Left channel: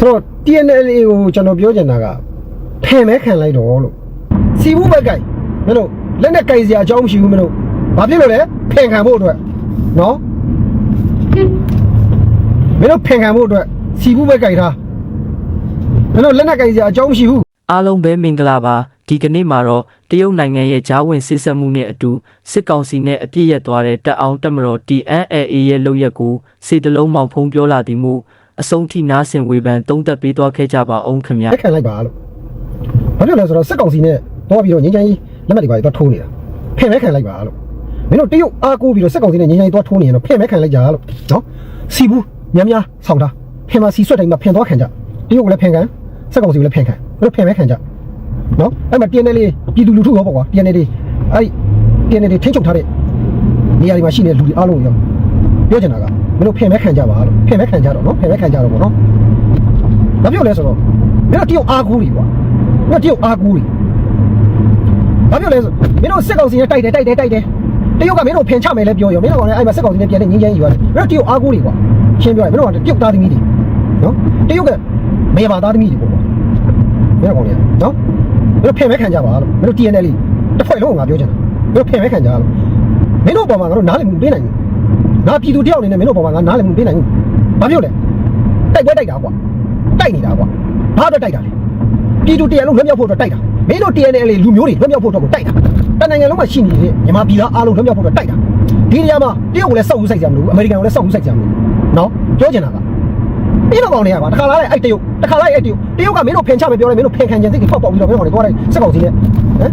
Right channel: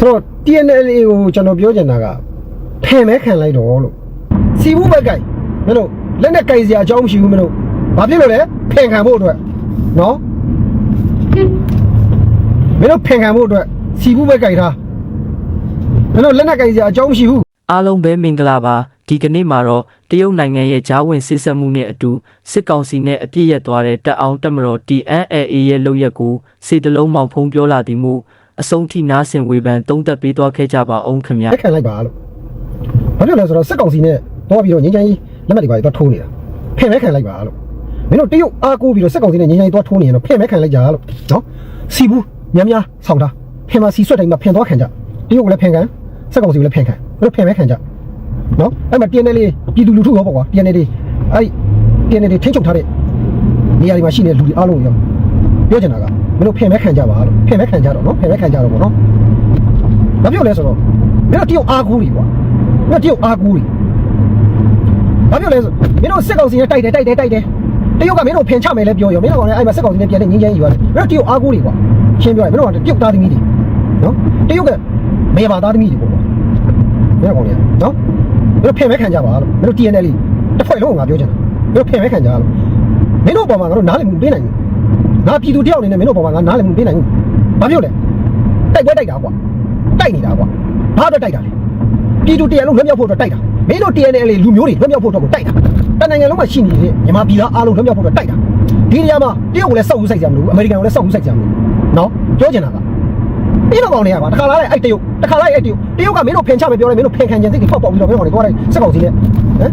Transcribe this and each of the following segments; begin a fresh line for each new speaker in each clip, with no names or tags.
ဆိုတော့ TNL ကိုကျွန်တော်ပြောချင်တာကဖယ်မဲခံလိုက်တော့လို့စီဘူးဘက်ကိုင်မင်းတို့လက်နဲ့ကိုင်စရာအကြောင်းမရှိဘူးမင်းတို့ဘာဖြစ်လို့လဲဖယ်ခံဖို့အတွက်နော်မင်းတို့ဖယ်ခံဖို့အတွက်စီဘူးဘက်ကိုင်ထားမင်းတို့လက်နဲ့ကိုင်စရာအကြောင်းမရှိဘူး
အားလုံးပဲမင်္ဂလာပါဒီကနေ့မှာတော့တရုတ်နိုင်ငံရဲ့ဂျားဝင်စစ်ဆက်မှုနဲ့အတူစစ်ကောင်စီနဲ့အပြစ်ရက်သွားတဲ့တပ်အောင်တပ်မတော် TNLA ရဲ့လုပ်ရက်ကိုစေတလုံးမောင်ဖုံးပြောလာသည်မူ အဆုံးထိနားဆင်ဝေဖန်တုံးသက်ပေးသွားခဲ့ကြပါအောင်ခင်ဗျာ
လက်ခံလိုက်ပါလို့ဘာဖြစ်လဲဆိုတော့စက်ကောင်စီနဲ့တော့ပြီးတော့ငင်းချင်ကြီးလက်မှတ်တွေပါတော့ထိုးနေတာဖယ်မဲခံလိုက်ပါလို့မင်းတို့တရုတ်အားကိုးပြီးတော့စက်ကောင်စီနဲ့ငင်းချင်ကြီးတော့ထိုးနေရင်တော့ဖယ်မဲခံလိုက်ကြလို့နော်စီဘူးများများဆောင်းတာဖယ်မှာစီဆွတ်တိုင်းမှာဖင်သွားခံကြတရုတ်ကလည်းဖင်ခံစက်ကောင်စီကလည်းဖင်ခံမင်းတို့ဖယ်မဲခံကြနော်အဲ့မှာ TNL လေးပြည်သူလူထုရောပေါ့ကွာ TNL လေးအဲ့ TNL လေးထိန်းချုပ်ထားတဲ့နေရာတွေမှာရှိနေတဲ့လူတွေအားလုံးရောပြောချင်တာက မင်းတို့ဖယ်မဲခံကြပါလို့ဖယ်မဲခံကြတော့နော်ဖယ်မဲခံကြတော့ပေါ့နော်ဘာဖြစ်လို့လဲဆိုတော့မင်းတို့တရုတ်အားကိုးတွေကွာမင်းတို့တရုတ်အားကိုးတွေဘာဖြစ်လို့လဲဆိုမင်းတို့စက်ကောင်စီနဲ့တိုက်တယ်တိုက်တယ်တိုက်တယ်တရုတ်ကမင်းတို့ဖင်ချမယ်လဲပြောရောမင်းတို့ကလည်းအဲ့မှာစက်ကောင်စီနဲ့ပြန်နေငင်းချမ်းယူရတယ်မင်းတို့တရုတ်အားကိုးတွေကွာရှင်းပြောရင်မင်းတို့ကတရုတ်သားသမီးတွေနော်တရုတ်ကမေဘာသားသမီးတွေပေါ့ကွာမင်းတို့ကောင်လေနော်မင်းတို့ဖင်မဲခံကြပါလို့မင်းတို့ TNL တစ်ဖွဲ့လုံးကငါပြောချင်တာမင်းတို့ဖင်မဲခံကြလို့မင်းတို့ပေါ်မှာငါတို့နားလည်မှုပေးနိုင်ဘူး ငါပြည်သူတယောက်အနေနဲ့မင်းတို့ပေါ်မှာငါနားလည်မှုပေးနိုင်ဘူးဘာဖြစ်လို့လဲတိုက်ပွဲတိုက်တာကွာတိုက်နေတာကွာဘာအတွက်တိုက်တာလဲပြည်သူတရားလုံးလွတ်မြောက်ဖို့အတွက်တိုက်တာမင်းတို့ TNL လူမျိုးတွေလွတ်မြောက်ဖို့အတွက်ကိုတိုက်တာတနိုင်ငံလုံးမှာရှိနေတဲ့မြန်မာပြည်သားအားလုံးလွတ်မြောက်ဖို့အတွက်တိုက်တာဒီနေရာမှာတရုတ်ကိုလည်းစောက်ဦးဆိုင်ကြမလို့အမေရိကန်ကိုလည်းစောက်ဦးဆိုင်ကြမလို့နော်ပြောချင်တာကမင်းတို့ကောင်တွေကကွာတခါလာလိုက်အဲ့တရုတ်တခါလိုက်အဲ့တရုတ်တရုတ်ကမင်းတို့ဖင်ချမယ်ပြောတယ်မင်းတို့ဖင်ခံခြင်းစိတ်တွေဖောက်ပေါက်ပြီးတော့မင်းတို့ကောင်တွေသွားလိုက်စက်ကောင်စီနဲ့ဟမ်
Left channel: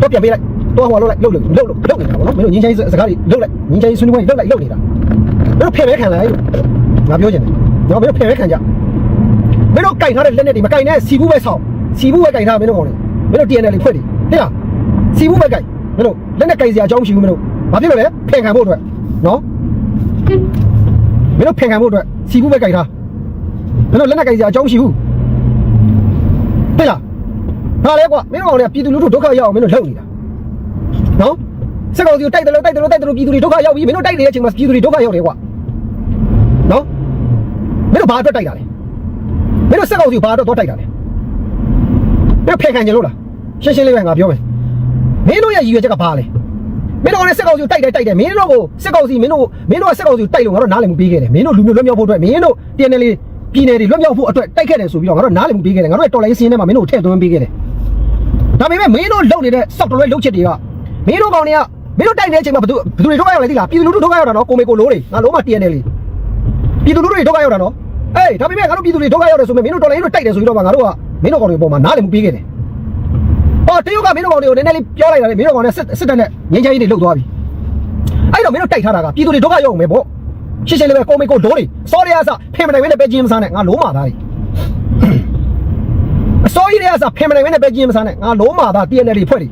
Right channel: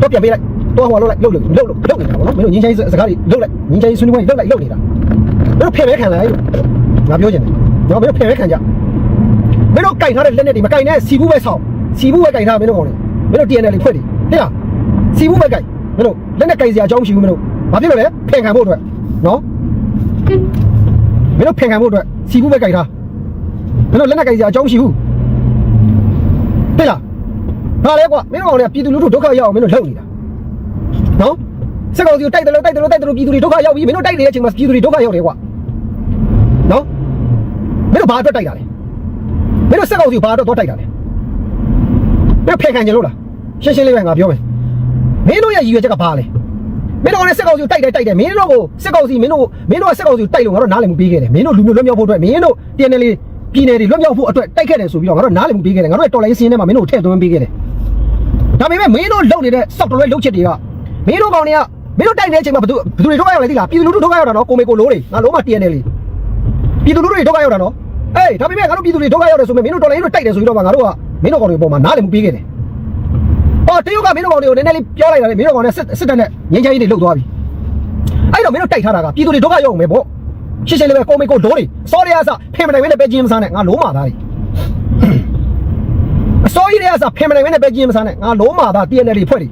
တော့ပြန်ပေးလိုက် တော့ဟိုလှုပ်လိုက်လှုပ်လှုပ်လှုပ်လှုပ်နေတာပေါ့နော်မင်းတို့ငင်းချိုင်းစကားတွေလှုပ်လိုက်ငင်းချိုင်းဆွေးနွေးပွဲလှုပ်လိုက်လှုပ်နေတာမင်းတို့ဖင်မဲခံလိုက်လို့ငါပြောချင်တယ်နော်မင်းတို့ဖင်မဲခံကြမင်းတို့ကင်ထားတဲ့လက်နဲ့တွေမကင်နဲ့စီဘူးပဲဆောင်းစီဘူးပဲကင်ထားမင်းတို့ကောင်လေမင်းတို့ TNL လေးဖွက်လေဟဲ့လားစီဘူးပဲကင်မင်းတို့လက်နဲ့ကင်စရာအကြောင်းမရှိဘူးမင်းတို့ဘာဖြစ်လို့လဲဖင်ခံဖို့အတွက်နော်မင်းတို့ဖင်ခံဖို့အတွက်စီဘူးပဲကင်ထားမင်းတို့လက်နဲ့ကင်စရာအကြောင်းမရှိဘူးဟဲ့လားဟာလေကွာမင်းတို့ကောင်လေပြည်သူလူထုဒုက္ခရောက်အောင်မင်းတို့လှုပ်နေတာ နော်စက်ကောင်စီကိုတိုက်တယ်လို့တိုက်တယ်လို့တိုက်တယ်လို့ပြည်သူတွေဒုက္ခရောက်ပြီမင်းတို့တိုက်နေတဲ့အချိန်မှာပြည်သူတွေဒုက္ခရောက်တယ်ကွာနော်မင်းတို့ဘာအတွက်တိုက်တာလဲမင်းတို့စက်ကောင်စီကိုဘာတော့တော့တိုက်တာလဲမင်းတို့ဖယ်ခံကြလို့လားရှင်းရှင်းလေးပဲငါပြောမယ်မင်းတို့ရဲ့ရည်ရွယ်ချက်ကဘာလဲမင်းတို့ကလည်းစက်ကောင်စီကိုတိုက်တယ်တိုက်တယ်မင်းတို့ကိုစက်ကောင်စီမင်းတို့မင်းတို့ကစက်ကောင်စီကိုတိုက်လို့ငါတို့နားလည်မှုပေးခဲ့တယ်မင်းတို့လူမျိုးလွတ်မြောက်ဖို့အတွက်မင်းတို့ TNL လေးပြည်နယ်တွေလွတ်မြောက်ဖို့အတွက်တိုက်ခဲ့တယ်ဆိုပြီးတော့ငါတို့နားလည်မှုပေးခဲ့တယ်ငါတို့ရဲ့တော်လိုင်းစင်းထဲမှာမင်းတို့ကိုထည့်သွင်းပေးခဲ့တယ်ဒါပေမဲ့မင်းတို့လုံနေတဲ့စောက်တော်ရဲ့လုံချက်တွေက မင်းတို့ကောင်တွေကမင်းတို့တိုက်နေတဲ့အချိန်မှာဘယ်သူဘယ်သူတွေထုတ်ရလဲသိလားပြည်သူလူထုထုတ်ရတာနော်ကိုမေကိုလိုးတွေငါလုံးမ TNL လေးပြည်သူလူထုတွေဒုက္ခရောက်တာနော်အေးဒါပေမဲ့ငါတို့ပြည်သူတွေဒုက္ခရောက်တယ်ဆိုပေမဲ့မင်းတို့တော်လိုင်းတို့တိုက်တယ်ဆိုပြီးတော့ငါတို့ကမင်းတို့ကောင်တွေပေါ်မှာနားလည်မှုပေးခဲ့တယ်။အော်တရုတ်ကမင်းတို့ကောင်တွေကိုနည်းနည်းလေးပြောလိုက်တာလေမင်းတို့ကောင်နဲ့စစ်စစ်တပ်နဲ့ငင်းချင်ကြီးတွေလှုပ်သွားပြီ။အဲ့တော့မင်းတို့တိုက်ထားတာကပြည်သူတွေဒုက္ခရောက်အောင်ပဲပေါ့။ရှင်းရှင်းလေးပဲကိုမေကိုဒိုးတွေစောရရစဖင်မနိုင်ဝင်းနဲ့ပဲကျင်းမစားနဲ့ငါလုံးမာသားတွေအစောကြီးတွေကစဖင်မနိုင်ဝင်းနဲ့ပဲကျင်းမစားနဲ့ငါလုံးမာသား TNL တွေဖွဲ့တွေ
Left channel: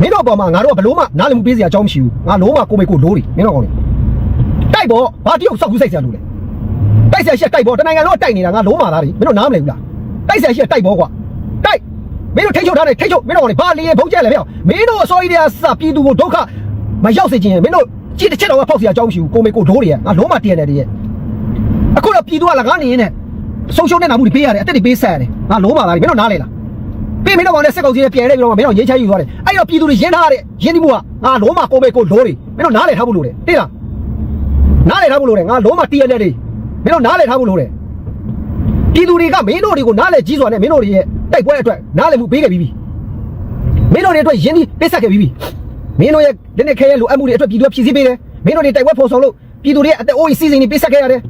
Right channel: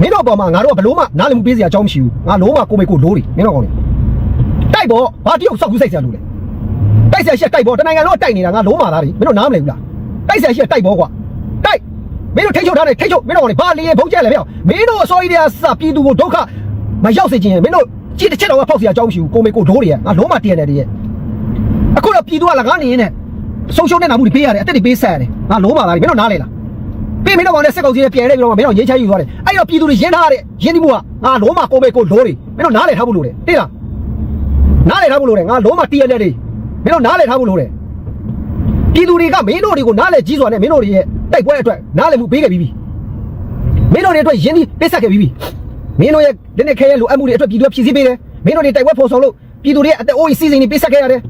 မင်းတို့ပေါ်မှာငါတို့ကဘလို့မှနားလည်မှုပေးစရာအကြောင်းမရှိဘူးငါလုံးမာကိုမေကိုဒိုးတွေမင်းတို့ကောင်တွေတိုက်ပေါ်ဘာတရုတ်စောက်ကူးဆိုင်ဆရာလို့လဲတိုက်ဆရာရှိတိုက်ပေါ်တနိုင်ငံလုံးတိုက်နေတာငါလုံးမာသားတွေမင်းတို့နားမလည်ဘူးလားတိုက်ဆရာရှိတိုက်ပေါ်ကွာတိုက်မင်းတို့ထိတ်ချုပ်ထားတယ်ထိတ်ချုပ်မင်းတို့ကလေဘာလေဘုတ်ကျက်လဲဗျမင်းတို့အစိုးရတွေကစပြည်သူကိုဒုက္ခမရောက်စေချင်ရင်မင်းတို့ကြည့်တစ်ချက်တော့ဖောက်စရာအကြောင်းမရှိဘူးကိုမေကိုဒိုးတွေငါလုံးမာတည့်ရတယ်တည်းရဲ့အခုတော့ပြည်သူကလကားနေရင်နဲ့ဆုံးရှုံးနေတာမှုတွေပေးရတယ်အသက်တွေပေးဆက်ရတယ်ငါလုံးမာသားတွေမင်းတို့နားလေလား ပေးမင်းတို့ကောင်နဲ့စက်ကောင်စီနဲ့ပြန်နေပြီးတော့မင်းတို့ရေးချယူသွားတယ်အဲ့တော့ပြည်သူတွေရင်းထားတဲ့ရင်းနှီးမှုကငါလုံးမာကိုမေကိုဒိုးတွေမင်းတို့နားလေထားဖို့လို့တယ်သိလားနားလည်ထားဖို့လိုတယ်ငါလုံးမတည့်ရတဲ့တွေမင်းတို့နားလည်ထားဖို့လိုတယ်ပြည်သူတွေကမင်းတို့တွေကိုနားလည်ကြီးစွာနဲ့မင်းတို့တွေရဲ့တိုက်ပွဲအတွက်နားလည်မှုပေးခဲ့ပြီးပြီမင်းတို့တွေအတွက်ယင်းဒီပေးဆက်ခဲ့ပြီးပြီမင်းတို့ရဲ့လက်နဲ့ခဲရဲ့လိုအပ်မှုတွေအတွက်ပြည်သူကဖြည့်ဆည်းပေးတယ်မင်းတို့တွေတိုက်ပွဲဖော်ဆောင်လို့ပြည်သူတွေရဲ့အသက်အိုးစီစဉ်တွေပေးဆက်ခဲ့ရတယ်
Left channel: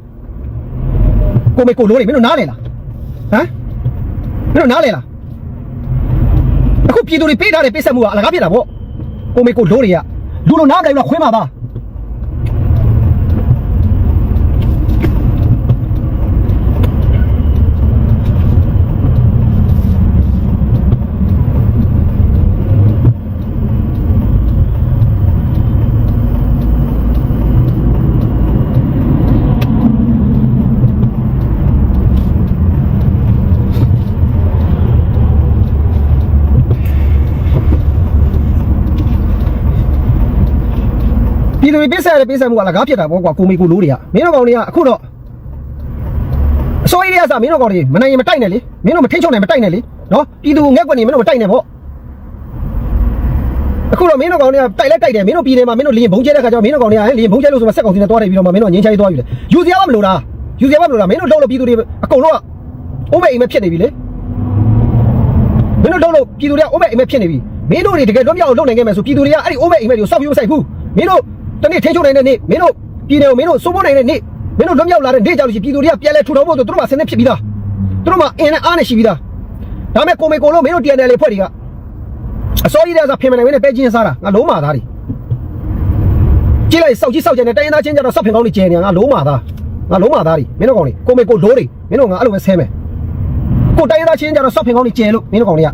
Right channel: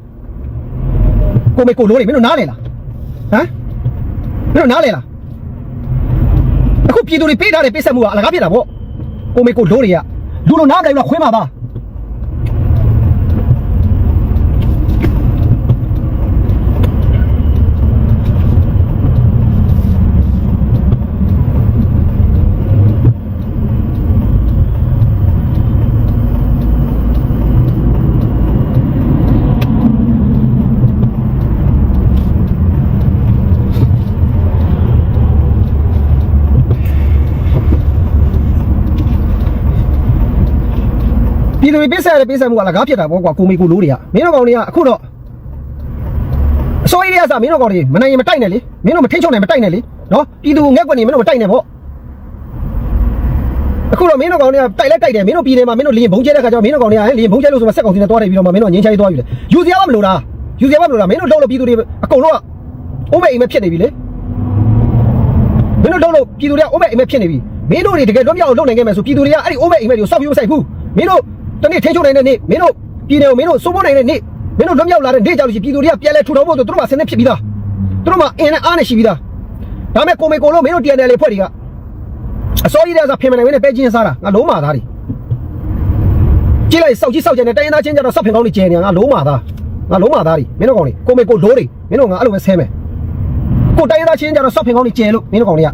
ကိုမေကိုလိုးတွေမင်းတို့နားလည်လားဟမ်မင်းတို့နားလည်လား အခုပြည်သူတွေပေးထားတဲ့ပေးဆက်မှုကအလကားဖြစ်တာပေါ့ကိုမေကိုလိုးတွေကလူလိုနားမလည်ဘူးလားခွင်းပါသား ပြည်သူတွေပြစ်ဆက်ရတဲ့ပြစ်ဆက်မှုကလကားဖြစ်တာပေါ့ကွာကိုမေကိုလိုးတွေကမင်းတို့ကောင်တွေကအခုတော့အစိုးရရဲ့အစားမင်းတို့ကောင်တွေမနိုင်ရင်မတိုက်နဲ့လေမင်းတို့မထိန်ချုံနိုင်မတိုက်နဲ့လေနော်ပြည်သူငက်ကွက်နေမင်းတို့မတိုက်နဲ့ပေါ့အခုတော့မင်းတို့ကောင်တွေကတိုက်လိုက်တိုက်တယ်မင်းတို့ပြည်နယ်မှာမင်းတို့လင်းဘုံကျဲတဲ့ခါကျတော့မင်းတို့ကောင်တွေကလင်းဘုံကျဲလို့ဆိုမှစက်ကောင်စီနဲ့တွားတယ်ပြီးတော့မှမင်းတို့ငင်းချိုင်းသွားပြီလေယူစရာမမလိုလားယူစရာမမလိုလားမင်းတို့လုံးလို့ပြည်သူတွေအကုန်လုံးကအိုးမဲ့အိမ်မဲ့ဖြစ်နေပြီလေမင်းတို့လုံးလို့ပြည်သူတွေကအိုးမဲ့အိမ်မဲ့ဖြစ်နေပြီမင်းတို့တွေတကယ်လွတ်မြောက်အောင်လုပ်နိုင်ခဲ့မယ်ဆိုပြည်သူတွေကအဲ့ဒီအိုးမဲ့အိမ်မဲ့တွေကိုစောက်ပြီးမဆိုင်ဘူးမင်းတို့ တနေ့ထိန်ချုံနိုင်တဲ့နေ့မင်းတို့ပြည်နယ်ကိုမင်းတို့စိုးမိုးနိုင်တဲ့နေ့မင်းတို့လွတ်မြောက်လာတဲ့နေ့ကြောင့်လို့ရှိရင်ပြည်သူတွေကပြန်လဲထူထောင်ဖို့ဆိုသူတို့မှဆင်းနေဖြစ်ပြီးသားသူတို့မှအင်းနဲ့အားနဲ့ရှိပြီးသားဒါပေမဲ့ကိုမေကိုလုံးမင်းတို့ TNL လေးဖွဲ့တွေကအစောကြီးတဲ့ဆိုဖင်မနိုင်ဝင်နဲ့ပဲချင်းစားတာငါလုံးမာသားတွေကြည့်လိုက်စောက်ကြီးစောက်ကြတဲ့တိုင်းရင်းသားချင်းကြတော့စောက်ဖင်ကောင်းတွေကျဲနေတာငါလုံးမာသားငါလုံးမာသားတွေမင်းတို့ကောင်တွေကိုမေကိုလိုးတွေမင်းတို့ငါအဲ့လိုပဲဆဲမယ်ကိုတိုင်းရင်းသားချင်းကြတော့စောက်ဖင်ကောင်းတွေကျဲလို့မင်းတို့ကောင်တွေက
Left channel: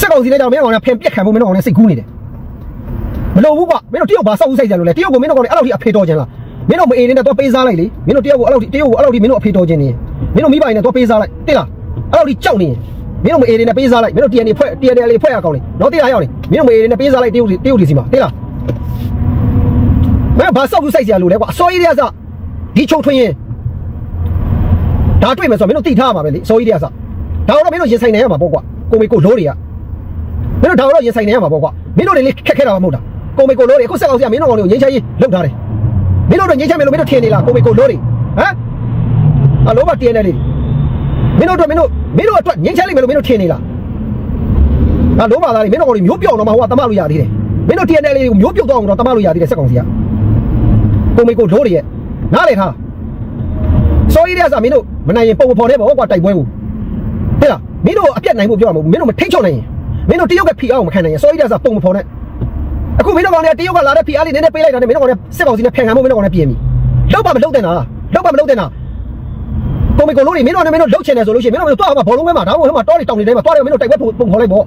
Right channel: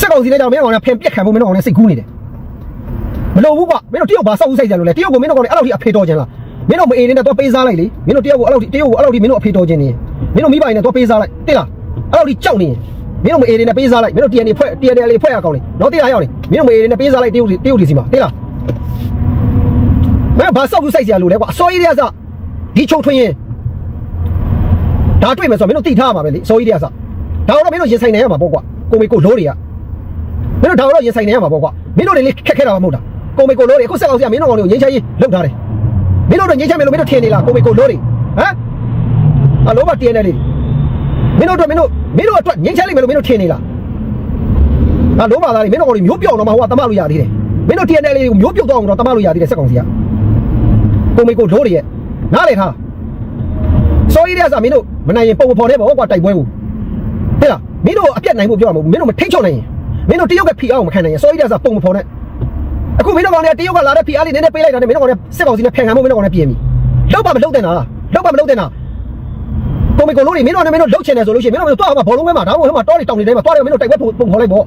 စက်ကောင်စီနဲ့ကြောင့်မင်းတို့ကောင်ကဖင်ပြက်ခံဖို့မင်းတို့ကောင်တွေစိတ်ကူးနေတယ် မလို့ဘူးကွာမင်းတို့တယောက်ဘာစောက်ဦးဆိုင်ကြလို့လဲတယောက်ကိုမင်းတို့ကောင်တွေအဲ့လိုထိအဖေတော်ခြင်းလားမင်းတို့မအေးနေတဲ့တော့ပေးစားလိုက်လေမင်းတို့တယောက်ကိုအဲ့လိုထိတယောက်ကိုအဲ့လိုထိမင်းတို့အဖေတော်ခြင်းနေမင်းတို့မိဘတွေနဲ့တော့ပေးစားလိုက်တိလားအဲ့လိုထိကြောက်နေမင်းတို့မအေးနေတဲ့ပေးစားလိုက်မင်းတို့ TNA ဖွဲ့ TNA လေးဖွဲ့ရကောင်းလေနော်တိလားရောက်နေမင်းတို့မအေးနေတဲ့ပေးစားလိုက်တယောက်တယောက်ဒီစီမှာတိလားမင်းဘာစောက်ဦးဆိုင်ကြလို့လဲကွာအစောကြီးတွေကစဒီချုံထွင်းရင်ဒါတွေ့မယ်ဆိုတော့မင်းတို့တိထားမှာပဲလေအစောကြီးတွေကစဒါတော့မင်းတို့ရင်ဆိုင်နေရမှာပေါ့ကွာကိုမေကိုလိုးတွေကမင်းတို့ဒါတော့ရင်ဆိုင်နေရမှာပေါ့ကွာမင်းတို့တွေလေးခက်ခဲတာမှမဟုတ်တာ ကိုမေကိုလိုးတွေအခုစက်အောင်စီကမင်းတို့ကောင်တွေကိုငင်းချရေးလောက်ထားတယ်မင်းတို့တော့ငိမ့်ချမယ်လို့မင်းတို့ထင်နေလားကိုမေကိုလို့တွေဟမ်အလိုပါတင်းနေလေမင်းတို့တော့မင်းတို့မင်းတို့အတွက်ငိမ့်ချလိမ့်မယ်လို့မင်းတို့ထင်နေလားအလိုပါသားတွေမင်းတို့ကောင်တွေမျိုးပြောင်းတော့မှဟိုကတမလို့ရသေးတယ်မင်းတို့တင်းနေလေးကိုမျိုးပြုတ်တော့အောင်တော့တမလို့ရသေးတယ်စက်ကောင်စီကကိုမေကိုလို့တွေရဲ့နားလေထားစောကြီးတဲ့ကမင်းတို့မနိုင်ရင်ပုံဖော်နေပေါ့ကွာတိုက်ပွဲကိုဟဲ့လားမင်းတို့အပြတ်နိုင်ဖို့ပြောမှာမဟုတ်ဘူးမင်းတို့မထိတ်ချော့နိုင်ရင်မင်းတို့တယောက်ကဖိအောင်မခံနိုင်ရင်စောကြီးတဲ့ကပုံမဖော်နဲ့ အခုမင်းတို့ကောင်တွေကတရုတ်ကလာတဲ့ဖီအားလေးနည်းနည်းပေးလိုက်တာနဲ့မင်းတို့ကောင်တွေစစ်ကောင်စီနဲ့ဖန်ခံမှုမင်းတို့ကောင်တွေပြင်ပြီလောက်ပါမလောက်တဲ့နာလောက်ပါမလောက်တဲ့နာကိုမီကိုလို့နေမင်းတို့နဲ့မင်းတို့လောက်ချင်တယ်ဆိုလို့ရှိရင်မင်းတို့တော့ဘောလုံးဝဲမှာဒါမှမဟုတ်ဟိုမှာတောတွေတောင်တွေထဲမှာတောတွေမင်းတို့တိုက်ပွဲပုံခေါ်လိုက်ပေါ့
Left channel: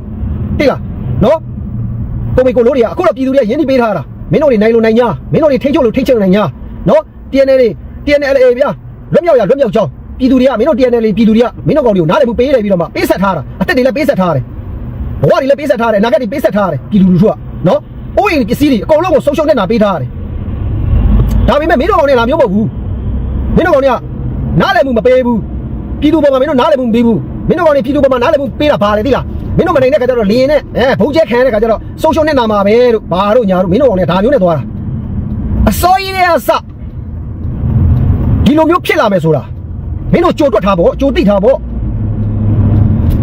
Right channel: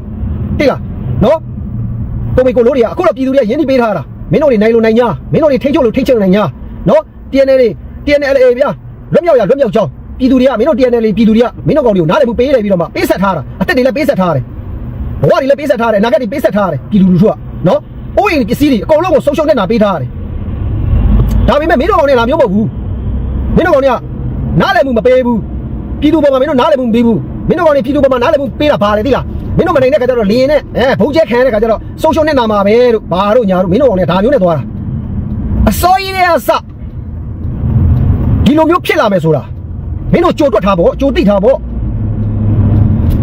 တိလားနော်ကိုမီကိုလို့တွေကအခုတော့ပြည်သူတွေကရင်းနှီးပေးထားတာမင်းတို့တွေနိုင်လို့နိုင်ညာမင်းတို့တွေထိတ်ချုပ်လို့ထိတ်ချုပ်နိုင်ညာနော် TNL တွေ TNL ဗျာလွတ်မြောက်ရလွတ်မြောက်ကြောင်းပြည်သူတွေကမင်းတို့ TNL ပြည်သူတွေကမင်းတို့ကောင်တွေကိုနားလည်မှုပေးလိုက်ပြီးတော့မှပေးဆက်ထားတာအသက်တွေလည်းပေးဆက်ထားတယ်ဘဝတွေလည်းပေးဆက်ထားတယ်အနာဂတ်တွေပေးဆက်ထားတယ်ပြည်သူလူထုကနော် အိုးအိမ်ပစ္စည်းတွေအကုန်လုံးကိုဆုံးရှုံးနေတာပေးထားရတယ်။ဒါပေမဲ့မင်းတို့ကောင်တွေကလာမျိုးမဟုတ်ဘူး။မင်းတို့ကောင်တွေကနားလည်မှုမပေးဘူး။ပြည်သူပေါ်မှာမင်းတို့နားလည်မှုမပေးဘူး။မင်းတို့ကောင်တွေပြည်သူပေါ်မှာနားလည်မှုပေးတာဘာလဲသိလား။မင်းတို့မနိုင်တဲ့ခါကျတော့လင်းနဲ့အဲဘုံကျဲခံရတဲ့ခါကျတော့ဆုံးရှုံးနေတာမှာပဲလို့ဘာတို့ညာတို့မင်းတို့ကောင်တွေကဒါမျိုးနဲ့သွားတာ။အစိုးရရဲ့အစဒီလိုမျိုးဖြစ်လာမယ်ဆိုတာမင်းတို့ကြိုတွက်ထားဖို့ကြိုသိထားဖို့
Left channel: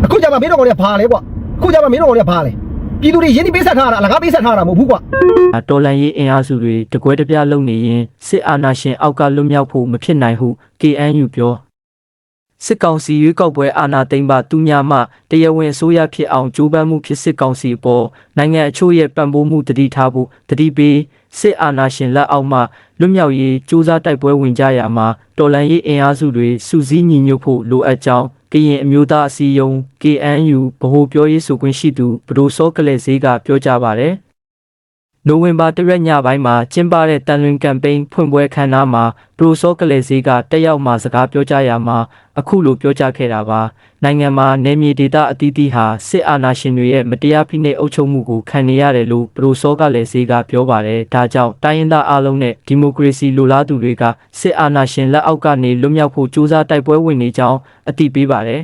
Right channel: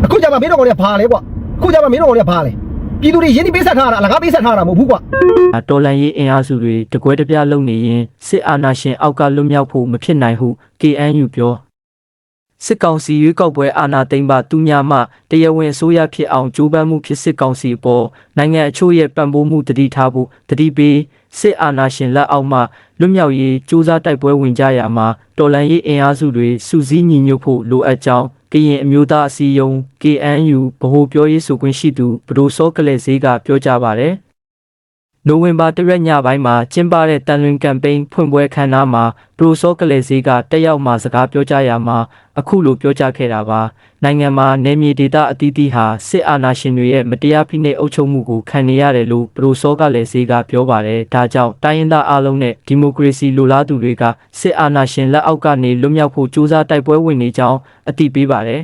အခုကျမှမင်းတို့ကောင်တွေကဘာလဲကွာအခုကျမှမင်းတို့ကောင်တွေကဘာလဲ ပြည်သူတွေရင်းနှီးပေးဆက်ထားတာအလကားပေးဆက်ထားတာမဟုတ်ဘူးကွာ
တော်လန်ရေးအင်အားစုတွေတကွဲတပြားလုံနေရင်စစ်အာဏာရှင်အောက်ကလွတ်မြောက်ဖို့မဖြစ်နိုင်ဟု KNU ပြောစစ်ကောင်စီရွေးကောက်ပွဲအာဏာသိမ်းပါသူများမှတရားဝင်အစိုးရဖြစ်အောင်ကြိုးပမ်းမှုဖြစ်စစ်ကောင်စီအပေါ်နိုင်ငံအချို့ရဲ့ပံ့ပိုးမှုတတိထားဖို့တတိပေးစစ်အာဏာရှင်လက်အောက်မှလွတ်မြောက်ရေးစူးစမ်းတိုက်ပွဲဝင်ကြရမှာတော်လန်ရေးအင်အားစုတွေစုစည်းညီညွတ်ဖို့လိုအပ်ကြောင်း ကရင်အမျိုးသားအစည်းအရုံး KNU ဗဟိုပြောရေးဆိုခွင့်ရှိသူဘဒိုစောကလေးဈေးကပြောကြားပါတယ် နိုဝင်ဘာတရက်ညပိုင်းမှာကျင်းပတဲ့တန်လွင်ကမ်ပိန်းဖွင့်ပွဲခမ်းနားမှာပရိုစောကလေးဈေးကတက်ရောက်မှစကားပြောကြားရမှာအခုလိုပြောကြားခဲ့တာပါနိုင်ငံမှာနေမြေဒေသအသီးသီးဟာစစ်အာဏာရှင်တွေရဲ့မတရားဖိနှိပ်အုပ်ချုပ်မှုကိုခံနေရတယ်လို့ပရိုစောကလေးဈေးကပြောပါတယ်ဒါကြောင့်တိုင်းရင်းသားအလုံးနဲ့ဒီမိုကရေစီလိုလားသူတွေကစစ်အာဏာရှင်လက်အောက်ကနေလွတ်မြောက်ဖို့ကြိုးစားတိုက်ပွဲဝင်နေကြောင်းအသိပေးပါတယ်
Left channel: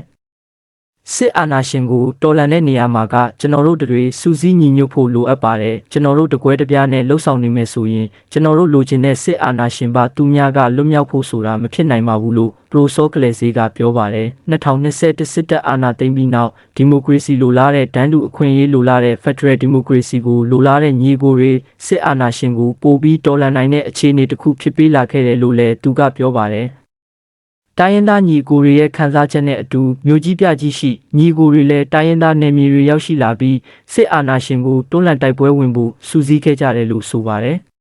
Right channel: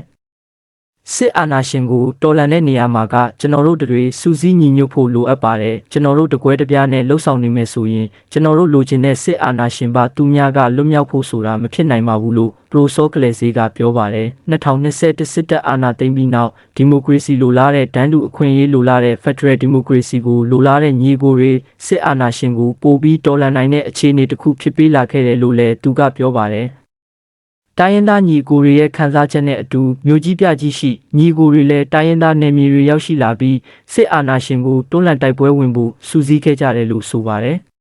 စစ်အာဏာရှင်ကိုတော်လှန်တဲ့နေရာမှာကကျွန်တော်တို့တွေစူးစီးညီညွတ်ဖို့လိုအပ်ပါတယ်ကျွန်တော်တို့တကွဲတပြားနဲ့လှုပ်ဆောင်နေမယ်ဆိုရင်ကျွန်တော်တို့လိုချင်တဲ့စစ်အာဏာရှင်ပါသူများကလွတ်မြောက်ဖို့ဆိုတာမဖြစ်နိုင်ပါဘူးလို့ပရိုစောကလေးဈေးကပြောပါတယ်2021စစ်တပ်အာဏာသိမ်းပြီးနောက်ဒီမိုကရေစီလိုလားတဲ့ဒန်းတူအခွင့်အရေးလိုလားတဲ့ Federal Democracy ကိုလိုလားတဲ့ညီကိုတွေစစ်အာဏာရှင်ကိုပိုပြီးတော်လှန်နိုင်တဲ့အခြေအနေတစ်ခုဖြစ်ပေးလာခဲ့တယ်လို့လည်းသူကပြောပါတယ် တိုင်းရင်းသားညီကိုတွေရဲ့ခံစားချက်နဲ့အတူမြို့ကြီးပြကြီးရှိညီကိုတွေလည်းတိုင်းရင်းသားနယ်မြေတွေရောက်ရှိလာပြီးစစ်အာဏာရှင်ကိုတွန်းလှန်တိုက်ပွဲဝင်ဖို့စူးစီးခဲ့ကြတယ်လို့ဆိုပါတယ်။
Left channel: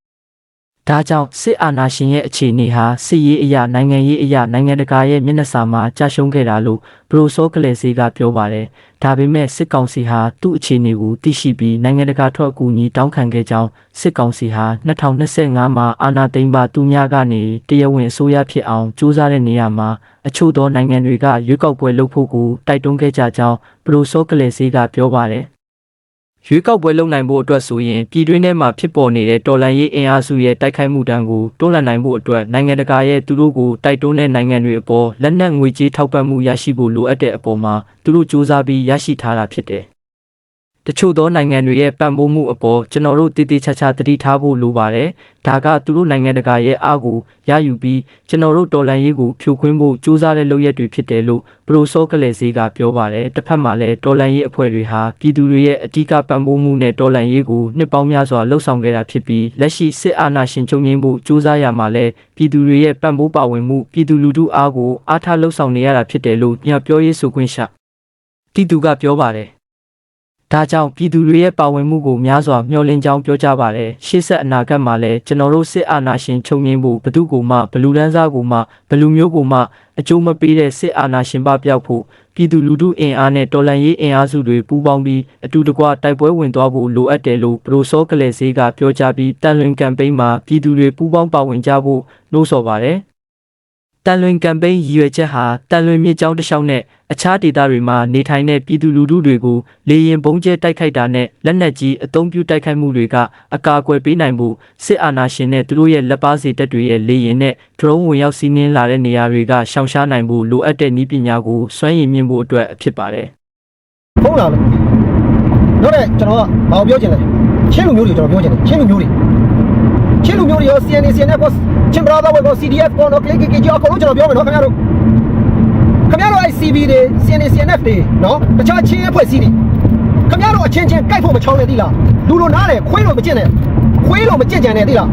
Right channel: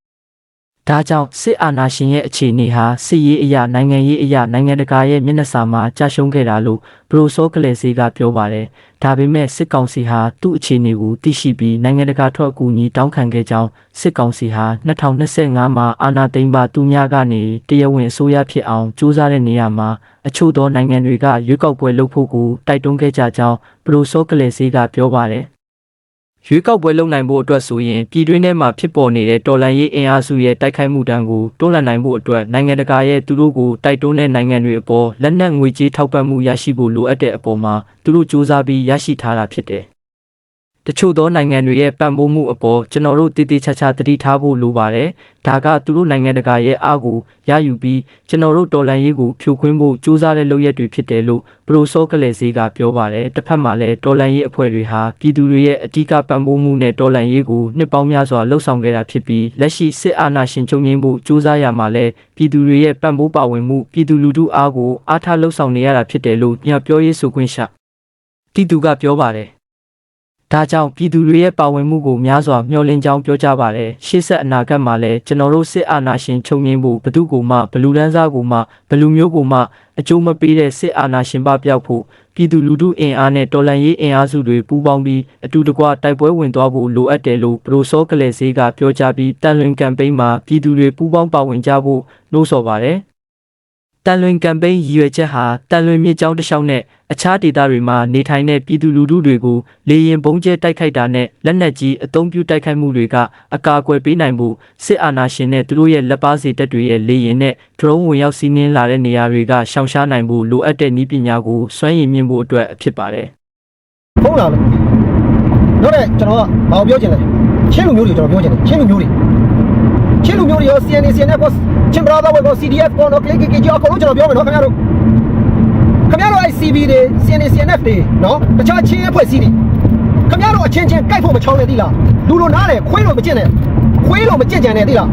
ဒါကြောင့်စစ်အာဏာရှင်ရဲ့အခြေအနေဟာစစ်ရေးအရာနိုင်ငံရေးအရာနိုင်ငံတကာရဲ့မျက်နှာစာမှာကြာရှုံးခဲ့တာလို့ဘရိုစောကလေးစီကပြောပါတယ်။ဒါပေမဲ့စစ်ကောင်စီဟာသူ့အခြေအနေကိုသိရှိပြီးနိုင်ငံတကာထွက်အကူအညီတောင်းခံခဲ့ကြောင်းစစ်ကောင်စီဟာ2025မှာအာဏာသိမ်းပါသူများကနေတရားဝင်အစိုးရဖြစ်အောင်ကြိုးစားတဲ့နေရာမှာအချို့သောနိုင်ငံတွေကရွေးကောက်ပွဲလုပ်ဖို့ကိုတိုက်တွန်းခဲ့ကြကြောင်းဘရိုစောကလေးစီကပြောပါတယ် ရွေးကောက်ပွဲလုပ်နိုင်ဖို့အတွက်ဆိုရင်ပြည်တွင်းထဲမှာဖြစ်ပေါ်နေတဲ့တော်လှန်ရေးအင်အားစုရဲ့တိုက်ခိုက်မှုတန်းကိုတွန်းလှန်နိုင်ဖို့အတွက်နိုင်ငံတကာရဲ့သူတို့ကိုတိုက်တွန်းတဲ့နိုင်ငံတွေအပေါ်လက်နက်ငွေကြေးထောက်ပံ့မှုရရှိဖို့လိုအပ်တဲ့အပေါ်မှာသူတို့စူးစမ်းပြီးရရှိထားတာဖြစ်တယ်။ တချို့သောနိုင်ငံတွေရဲ့ပံ့ပိုးမှုအပေါ်ကျွန်တော်တို့တည်တည်ချာချာသတိထားဖို့လိုပါတယ်။ဒါကသူတို့နိုင်ငံတကာရဲ့အားကိုရယူပြီးကျွန်တော်တို့တော်လှန်ရေးကိုဖြိုခွင်းဖို့စူးစမ်းတဲ့လုပ်ရက်တွေဖြစ်တယ်လို့ပရိုဆောကလေးစေးကပြောပါတယ်။တစ်ဖက်မှာလည်းတော်လှန်ရေးအဖွဲ့တွေဟာပြည်သူတွေရဲ့အ धिक ပံ့ပိုးမှုနဲ့တော်လှန်ရေးကိုနှစ်ပေါင်းများစွာလှုပ်ဆောင်ခဲ့တာဖြစ်ပြီးလက်ရှိစစ်အာဏာရှင်ချုပ်ငြိမ်းဖို့စူးစမ်းရမှာလဲပြည်သူတွေရဲ့ပံ့ပိုးပါဝင်မှုပြည်သူလူထုအားကိုအားထားလှုပ်ဆောင်နေရတာဖြစ်တယ်လို့ညပြောရေးဆိုခွင့်ရှာတီတူကပြောပါတယ်။ ဒါကြောင့်ပြည်သူတွေရဲ့ပါဝင်မှုကိုများစွာမျှော်လင့်ကြောင်းပြောကြပါတယ်။ရှေ့ဆက်အနာဂတ်မှာလည်းကျွန်တော်တို့စစ်အာဏာရှင်ချုပ်ငြိမ်းဖို့ဘယ်သူကိုမှဘလူတန်းစားကိုမှဘလူမျိုးကိုမှအကျိုးမပေးတဲ့စစ်အာဏာရှင်ပပျောက်ဖို့ပြည်သူလူထုအင်အားနဲ့တော်လှန်ရေးအင်အားစုတွေပူးပေါင်းပြီးအတူတကွတိုက်ပွဲဝင်သွားဖို့လိုအပ်တယ်လို့ပရိုဆောကလေးစေးကပြောကြားပြီးတန်လွင်ကမ်ပိန်းမှာပြည်သူတွေပူးပေါင်းပါဝင်ကြဖို့နှိုးဆော်ပါတယ်။တန်လွင်ကမ်ပိန်းရည်ရွယ်ချက်ဟာတန်လွင်မြစ်ကြောင်းတစ်လျှောက်နဲ့ အခြားဒေသတွေမှာနေထိုင်တဲ့ပြည်သူလူထုတွေကိုလေရင်ပုံကျဲတိုက်ခိုက်တာနဲ့လက်နက်ကြီးအုံပြုတိုက်ခိုက်မှုတွေကအကာအကွယ်ပေးနိုင်ဖို့စစ်အာဏာရှင်နဲ့သူတို့ရဲ့လက်ပါစီတပ်တွေရဲ့လေရင်နဲ့ drone ဝင်ရောက်စီးနင်းလာတဲ့နေရာတွေကရှောင်ရှားနိုင်ဖို့လိုအပ်တဲ့နည်းပညာကိုစွမ်းရည်မြင့်ဖို့အတွက်ဖြစ်ပါတယ်
ဟုတ်လားလို့နောက်တဲ့ကျွန်တော်ကဘာကိုပြောချင်လဲချင်းလူမျိုးတွေကျွန်တော်ပြောချင်တယ်ချင်းလူမျိုးတွေချင်းလူမျိုးတွေရော CNA CNF ကိုချင်းဘရာသာဝေကို CDF ကိုနော် click click ကြောအကုန်လုံးကျွန်တော်ပြောမယ်နော်ခင်ဗျားတို့ ခင်ဗျားတို့အဲ့ CB တွေ CNA CNF တွေနော်တခြားချင်းအဖွဲ့အစည်းတွေခင်ဗျားတို့အချင်းချင်းကြိုက်ဖို့မချောင်းနဲ့သိလားလူလိုနားတယ်ခွေးလိုမကျင့်နဲ့ခွေးလိုမကျင့်ကြံနဲ့သိလား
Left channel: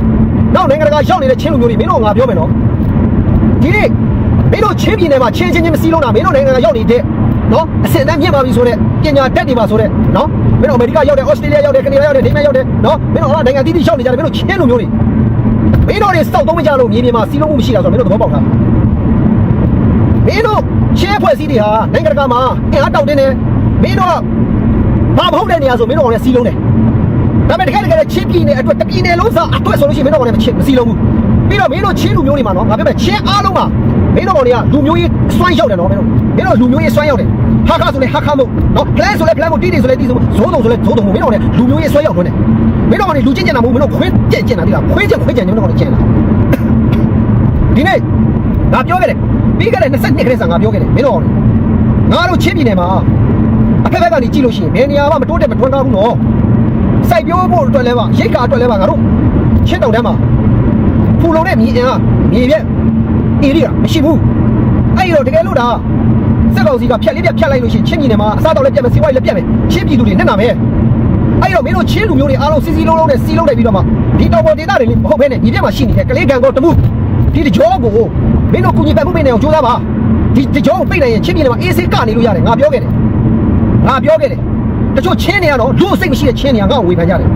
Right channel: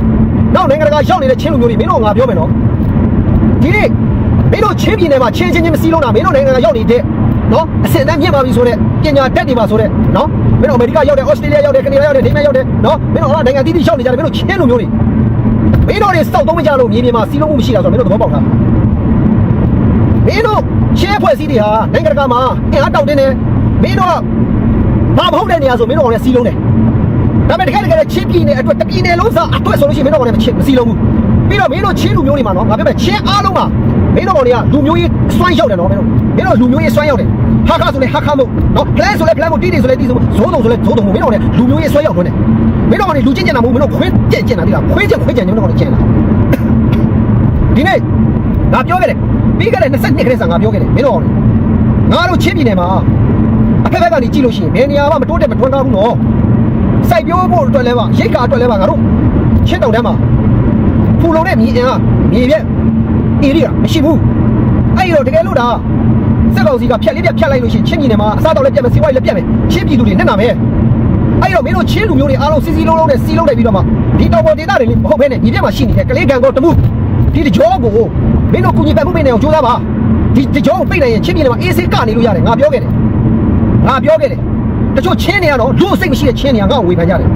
နောက်နိုင်ငံတကာရောက်နေတဲ့ချင်းလူမျိုးတွေမင်းတို့ငါပြောမယ်နော်ဒီနေ့မင်းတို့ချင်းပြည်နယ်မှာချင်းချင်းချင်းမစည်းလုံးတာမင်းတို့နိုင်ငံတကာရောက်နေတဲ့နော်အစင်တန်းမြင့်ပါပြီဆိုတော့ပညာတတ်နေပါဆိုတော့နော်မင်းတို့အမေရိကရောက်တယ်ဩစတြေးလျရောက်တယ်ကနေဒါရောက်တယ်ဒိန်းမတ်ရောက်တယ်နော်မင်းတို့ဟောနိုင်ငံတီးတီးရောက်နေကြတယ်မင်းတို့ချင်းလူမျိုးတွေမင်းတို့တွေစောက်သုံးမကြလို့မြေပြင်မှာစီးလုံးမှုမရှိတာဆိုတော့မင်းတို့သဘောပေါက်တာ မင်းတို့ချင်းဖွဲ့စည်းတွေဟာနိုင်ငံတကာမှာအင်အားတောင့်တင်းတယ်မင်းတို့ကဘာမဟုတ်တဲ့နေရာဆိုမင်းတို့ကလည်းစီးလုံးတယ်ဒါပေမဲ့တကယ်တကယ်ချင်းပြည်နယ်အတွက်တပြည်နယ်လုံးစားအတွက်ဆိုလို့ရှိရင်မင်းတို့ကလည်းမချင်းမစီးလုံးဘူးပြီးတော့မင်းတို့ချင်းလူမျိုးတွေမှာနော်ငါပြောမယ်ချင်းအားလုံးမှာမင်းတို့ကောင်တွေကလူမျိုးရေးစွမ်းရောက်တယ်နော်မင်းတို့မင်းတို့လူမျိုးရေးစွမ်းရောက်တယ်ဟာခါဆိုလဲဟာခါမို့နော်ဖလန်ဆိုလဲဖလန်မို့တီးတီဆိုလဲတီးဆိုမို့ဇိုးတုံဆိုလဲဇိုးတုံမို့မင်းတို့ကလူမျိုးရေးစွမ်းရောက်တွန်းတယ်မင်းတို့ကောင်တွေလူချင်းကျင်တာမဟုတ်မင်းတို့ခွင်းကျင်ကျင်တာဒီလားခွင်းကျင်ခွင်းကျင်နေမင်းတို့ကောင်တွေကျင်တာဒီနေ့ ငါပြောခဲ့တယ်ပြီးခဲ့တဲ့22ခရက်စာငါပြောခဲ့တယ်မင်းတို့ကောင်တွေငါတို့ချင်းပြည်နယ်မှာအဖက်ဖက်ကနေကြည့်လို့ရှိရင်ဘယ်နေရာမှမတိုးတက်မထွန်းကားဘူးနော်စိုက်ပျိုးဖို့အတွက်လဲပါရိတ်ကာအတွက်လဲပါငါတို့ချင်းတောင်တန်းမှာဖူလုံတဲ့မြေအင်အားမြေပြက်အေရီကမရှိဘူးအဲ့ဒီတော့တကယ်လို့ဒါစက်ကောင်စီကဖြတ်လေးပြတ်ဖြတ်လိုက်လို့ရှိရင်ချင်းပြည်နယ်မှာအစားတော့လည်းပြတ်မယ်စီးပွားရေးလည်းပြတ်မယ်ချင်းပြည်သူတွေနဲ့နာမယ်အဲ့တော့မင်းတို့ချင်းလူမျိုးတွေအားလုံးစီစီလုံးလုံးနဲ့စီလုံးနေပြီးတော့မှဒီတော်ပေါ်ဒေသတွေလေးမဟုတ်ဘဲနဲ့ဒီပြက်မှာရှိနေတဲ့ကလေးကံကောတမှု ဒီတကြောကိုမင်းတို့ကုညီပတ်မှုပေးနေအောင်ကြိုးစားပါဒီတကြောကိုပိတ်နိုင်ရင်ချင်းပြည်နယ်မှာအေးဆေးကနေလို့ရတယ်ငါပြောခဲ့တယ်ငါပြောခဲ့တယ်တချို့ချင်းတွေကတော့လူစိတ်မရှိတဲ့ချင်းတွေကငါ့ကိုဝေဖန်ကြတယ်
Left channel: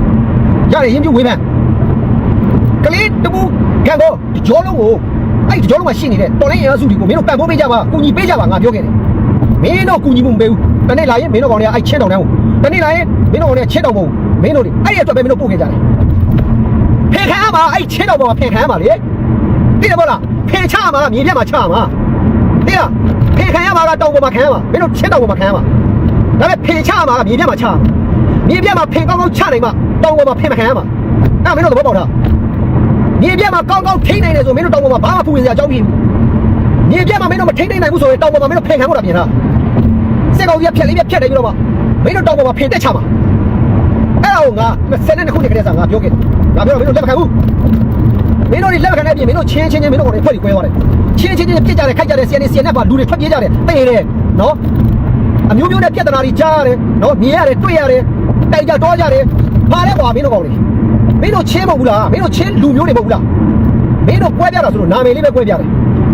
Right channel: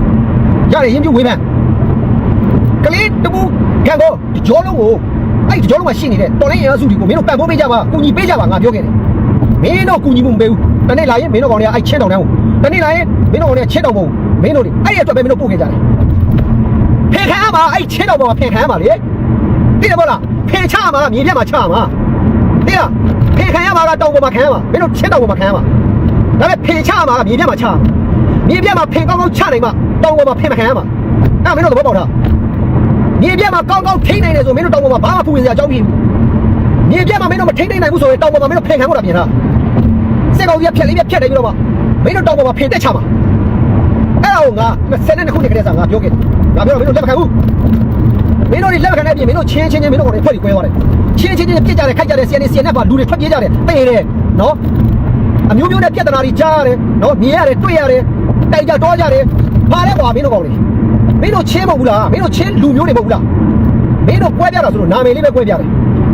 ရတယ်ရင်ပြဝေဖန်ကလေးတပူကံတော့ကြောလုံးကိုအဲ့ဒီကြောလုံးမှာရှိနေတဲ့တော်လိုင်းအင်အားစုတွေကိုမင်းတို့ပံ့ပိုးပေးကြပါကူညီပေးကြပါငါပြောခဲ့တယ်မင်းတို့ကူညီမှုမပေးဘူးတနေ့လာရင်မင်းတို့ကောင်တွေကအဲ့ချင်းတောင်တန်းကိုတနေ့လာရင်မင်းတို့ကောင်တွေကချင်းတောင်ပုံမင်းတို့တွေအဲ့ဒီအတွက်ပဲမင်းတို့ပို့ခဲ့ကြတယ်ဖင်ခံရမှာအဲ့ချင်းတောင်ပုံကဖင်ခံရမှာလေ သိတယ်မဟုတ်လားဖင်ချမှာမြေပြတ်မှာချမှာသိလားဖင်ခံရမှာကတောင်ပုံမှာခံရမှာမင်းတို့ချင်းတောင်ပုံမှာခံရမှာဒါပေမဲ့ဖင်ချမှာကမြေပြတ်မှာချမှာမြေပြတ်မှာဖင်ကောင်းကောင်းချနိုင်မှာတောင်ပုံမှာဖင်မခံရမှာအဲ့မင်းတို့သဘောပေါက်လားမြေပြတ်မှာကောင်းကောင်းထိန်းနိုင်တယ်ဆိုမင်းတို့တောင်ပေါ်မှာဘာမှဖူဝင်စရာအကြောင်းမရှိဘူးမြေပြတ်မှာမင်းတို့မထိန်းနိုင်နိုင်ဘူးဆိုရင်တောင်ပေါ်မှာမင်းတို့ဖင်ခံဖို့တာပြင်လားစစ်ကောင်ကြီးကဖြက်လေးပြက်ဖြက်တယ်ပြီးတော့မှမင်းတို့တောင်ပေါ်မှာဖင်တက်ချမှာအဲ့ဒါကိုငါ22ခုနှစ်ကလေးစားငါပြောခဲ့တယ်ငါပြောတော့မင်းတို့လက်မခံဘူး မင်းတို့တွေလက်မခံတဲ့အပြင်မင်းတို့ချင်းချင်းချင်းမင်းတို့ကိုဖွဲ့ပြီးကွဲသွားတယ်ချင်းချင်းချင်းပြစ်ကြတယ်ခိုက်ကြတယ် CNC CNF ပါလူတွေထွက်ပြေးကြတယ်တေးတယ်နော်အမျိုးမျိုးနဲ့ပြဿနာတွေကြားရတယ်နော်မြင်ရတယ်တွေ့ရတယ်တိုက်ကြတော့ကြတယ်ဘာလဲကွာမင်းတို့ကောင်တွေမင်းတို့ချင်းမဟုတ်ဘူးလားမင်းတို့ချင်းလူမျိုးတွေမဟုတ်ဘူးလားမင်းတို့ကွဲပြတာဆိုလို့နာမည်လေးပဲကွဲပြတယ်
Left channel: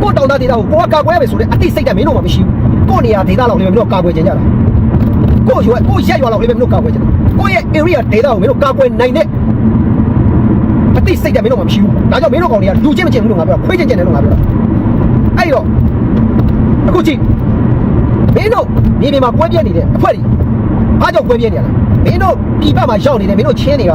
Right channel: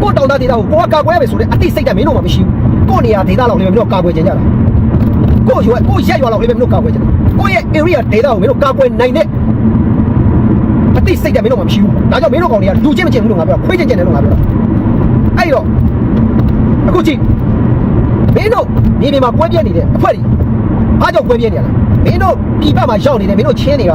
ကိုတောင်သားဒေတာကိုကိုကကာကွဲပဲဆိုတဲ့အသိစိတ်ကမင်းတို့မှမရှိဘူးကိုနေရာဒေတာလောက်လေးပဲမင်းတို့ကာကွယ်ကြကြတာကိုရွယ်ကိုရက်ရွာလောက်လေးပဲမင်းတို့ကာကွယ်ကြတယ်ကိုရဲ့ area ဒေတာကိုမင်းတို့ကာကွယ်နိုင်တဲ့ အသိစိတ်ကမင်းတို့မှမရှိဘူးဒါကြောင့်မင်းတို့ကောင်တွေကလူချင်းမချင်းဘူးလို့ငါပြောခွေးချင်းချင်းတယ်လို့ငါပြောအဲ့တော့အခုကြည့်မင်းတို့မြေပြင်မှာကွဲပြဲနေတဲ့အဖွဲ့တွေအားကြောင့်ကွဲပြဲနေရလားမင်းတို့ပြည်ပမှာရောက်နေတယ်မင်းတို့ချင်းတွေက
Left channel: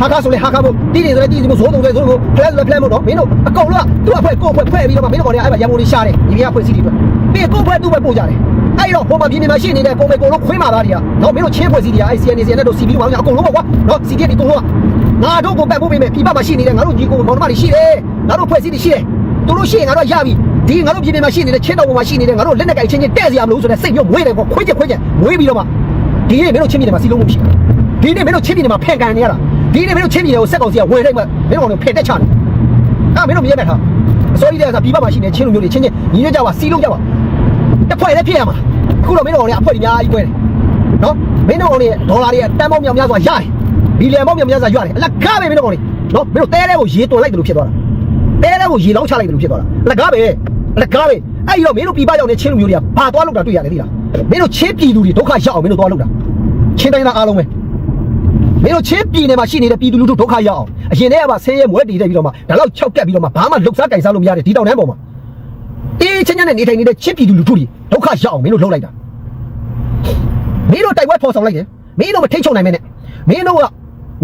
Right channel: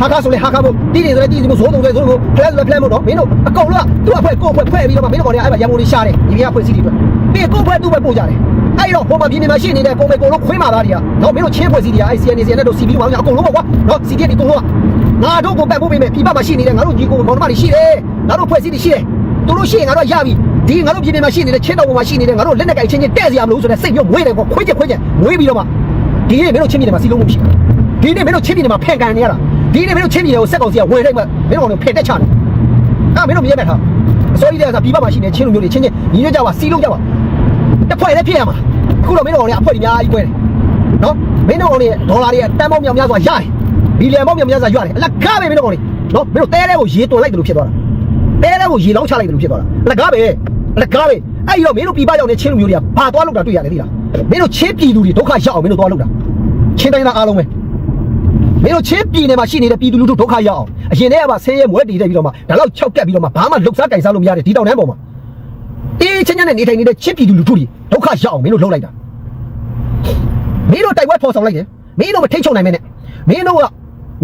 ဟာကားဆိုလေဟာကားမို့တီးတယ်ဆိုလေတီးတယ်မို့ဇိုးတုံဆိုဇိုးကိုဖလက်ဆိုလေဖလက်မို့တော့မင်းတို့အကုန်လုံးကသူ့အဖွဲကိုယ့်အဖွဲဖွဲ့ပြီးတော့မှမင်းတို့ကောင်တွေကအဲ့မှာရန်ကုန်လေးရှားတယ်ညီမဖွဲ့စည်းတွေအတွက်ပြီးကိုယ့်ဘွဲသူ့ဘွဲပို့ကြတယ်အဲ့တော့ပုံမှန်ပြည်နေမှာရှိနေတဲ့ပုံမှန်ကိုလုံးခွင်းမာသားတွေကနော်မင်းတို့ချင်းဖွဲ့စည်းတွေကအဲ့ CNC နဲ့တို့ CB မောင်းကြအကုန်လုံးပေါ့ကွာနော် CDF ဒီအကုန်လုံးက ငါတို့ကိုပတ်ဖို့ပေးမယ်ပြည်ပမှာရှိနေတဲ့ငါတို့ညီကိုမောင်နှမတွေရှိတယ်ငါတို့ဖွဲ့စည်းတွေရှိတယ်သူတို့ရှိရင်ငါတို့ရပြီဒီငါတို့ပြည်နေမှာရှိနေတဲ့ချင်းတော်ပေါ်မှာရှိနေတဲ့ငါတို့လက်နက်ကိုင်ချင်းချင်းတဲ့စရာမလိုဆိုတဲ့စိတ်မျိုးမွေးတယ်ပေါ့ခွေးချက်ခွေးချက်မွေးပြီးတော့မှဒီနေ့မင်းတို့ချင်းပြည်နေမှာစီလုံးမှုမရှိဘူးဒီနေ့မင်းတို့ချင်းပြည်နေမှာဖန်ကန်နေရတာဒီနေ့မင်းတို့ချင်းပြည်နေကိုစက်ကောင်စီကဝယ်လိုက်မှမင်းတို့ကောင်တွေဖယ်တက်ချတယ်အဲ့မင်းတို့မြင်ရတဲ့ဟာအစိုးရတဲ့ကပြည်ပမှာရှိနေချင်းလူမျိုးတွေချင်းချင်းညီညွတ်ကြပါစီလုံးကြပါတစ်ဖွဲ့လည်းဖြစ်ရမှာအခုတော့မင်းတို့လည်းအဖွဲ့ကြီးအများကြီးကွဲတယ်နော်မင်းတို့လည်းဒေါ်လာတွေကတန်ပေါင်းမြောင်များစွာရတယ် ဘီလီယံပေါင်းမြောင်များစွာရတယ်အလကားပဲမင်းတို့လည်းနော်မင်းတို့တဲတဲကိုရေတွန်လိုက်တယ်လို့ဖြစ်သွားတာတဲတဲကိုရေလောင်းချလိုက်တယ်လို့ဖြစ်သွားတာအလကားပဲအလကားပဲအဲ့ဒီတော့မင်းတို့ပြည်ပရောက်နေချင်းလူမျိုးတွေကဘာသွားလို့တာတွေ့ရတယ်သိလားမင်းတို့ချင်းပြည်သူတွေဒုက္ခရောက်အောင်မင်းတို့သွားလို့တာချင်းတိုင်းသားအားလုံးပဲမင်းတို့ချင်းပြည်နယ်မှာရှိနေတဲ့ပြည်သူလူထုဒုက္ခရောက်အောင်အရင်တည်းကမှဆင်းရဲမွဲတည်တဲ့ပြီးတော့မှဒါတော့၆ကက်ပြီးတော့မှဘာမှလှုပ်ရှားကြိုင်စားလို့မရတဲ့ဒီတောင်တန်းပေါ်မှာအေးချင်းချင်းနဲ့နေထိုင်နေတဲ့ချစ်ပြည်သူလူထုတွေဒုက္ခရောက်အောင်မင်းတို့လှုပ်လိုက်တာမင်းတို့တိုက်ပွဲဖော်ဆောင်လိုက်တယ်မင်းတို့မထိတ်ချုံနိုင်မဲနဲ့မင်းတို့က